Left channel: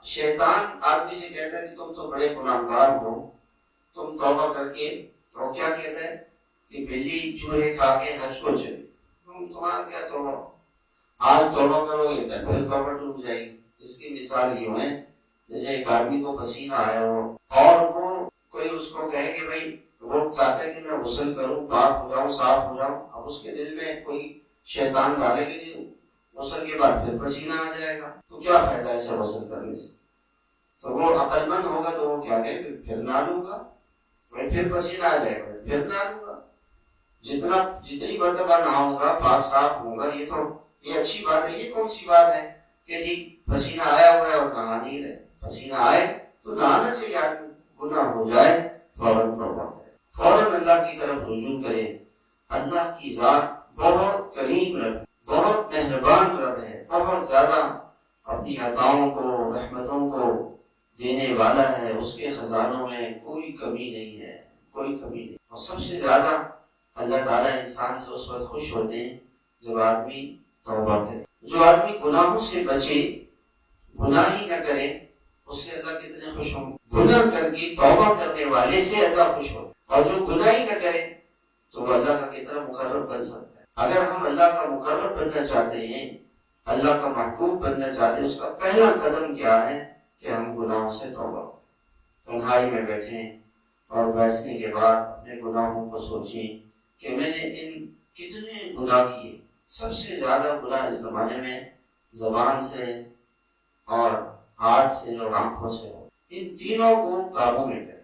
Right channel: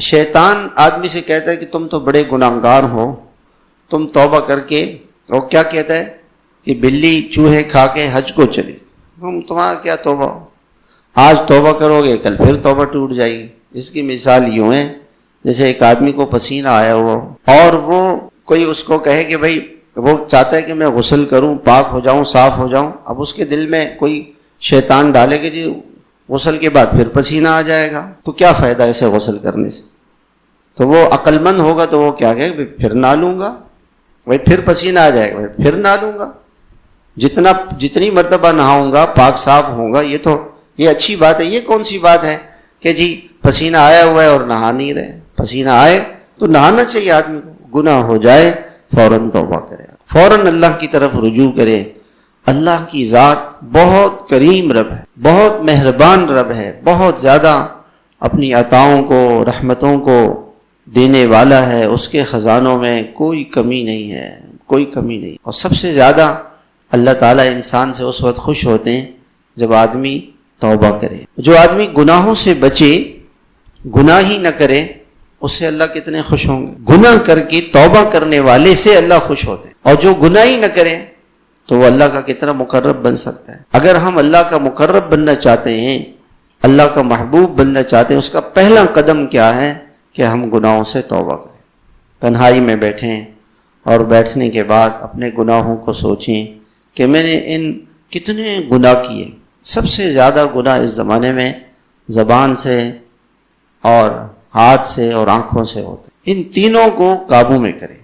شیطان آدمی سے کہتا ہے کہ تم تو بڑے گناہگار ہو، تم توبہ کر کے، وہ کیا کہتا ہے کہ بلی چوہے کھا کے حج کو چلے، تمہارا کیا توبہ، آج توبہ کرو گے کل پھر توبہ ٹوٹ جائے گی۔ اس کی مثال یوں ہے جیسے ایک آدمی کو پسینہ آیا ہوا اور وہ کوئی اس کو کہے کہ بھائی وہ چاہتا ہے کہ میں غسل کروں، پاک ہو جاؤں، صاف ہو جاؤں، اب اس کے دل میں کوئی شیطان ڈالے کہ جی غسل کے بعد پھر پسینہ آ جائے گا، تو کیا فائدہ اسے غسل کرنے سے؟ تو وہ عقل مند ہوگا تو وہ کیا کہے پھر نہ لوں گا، بھائی پھر پسینہ آ جائے گا، پھر نہ لوں گا، جتنی مرتبہ نہاؤں گا پاک صاف ہوں گا، یہ اچھی بات ہے۔ یہ کون سی بات ہے کہ جی پسینہ آیا ہوا ہے اور نہا نہیں رہے؟ پسینہ آئے تو نہانا چاہیے آدمی کو، گناہ ہو جائے فوراً توبہ کرے، فوراً اللہ کی طرف رجوع کرے۔ اللہ کی ذات بہت کریم رب ہے، بہت مہربان رب ہے، بہت زیادہ اپنی عطاؤں کو، رحمتوں کو دینے والا ہے، اس کے خزانوں میں کوئی کمی نہیں ہے، کوئی کمی نہیں۔ اور سب سے زیادہ اللہ تعالیٰ انسان سے اس وقت خوش ہوتے ہیں جب آدمی توبہ کرے۔ جو آدمی گناہوں سے بچے، گناہ ہی نہ کرے، اس سے اللہ کتنے خوش ہوں گے۔ گناہ کر کے توبہ کرنے والے سے اللہ خوش ہوتے ہیں، اور جو گناہ ہی نہ کرے تو وہ اللہ کا کتنا مقرب بن سکتا ہے۔ اگر ہم اللہ کا مقرب بننا چاہتے ہیں، اللہ کا محبوب بننا چاہتے ہیں، اس کا پہلا قدم کیا ہے کہ ہم گناہوں سے توبہ کریں، تنہائی میں بیٹھیں اور بیٹھنے کے بعد اپنے گناہوں کو سوچیں کہ میں نے ان کتنے گناہ کیے۔ سب سے زیادہ گناہ اس زمانے میں زبان سے اور ہاتھ سے اور آنکھوں سے ہوتے، ان تینوں کو قابو میں کریں۔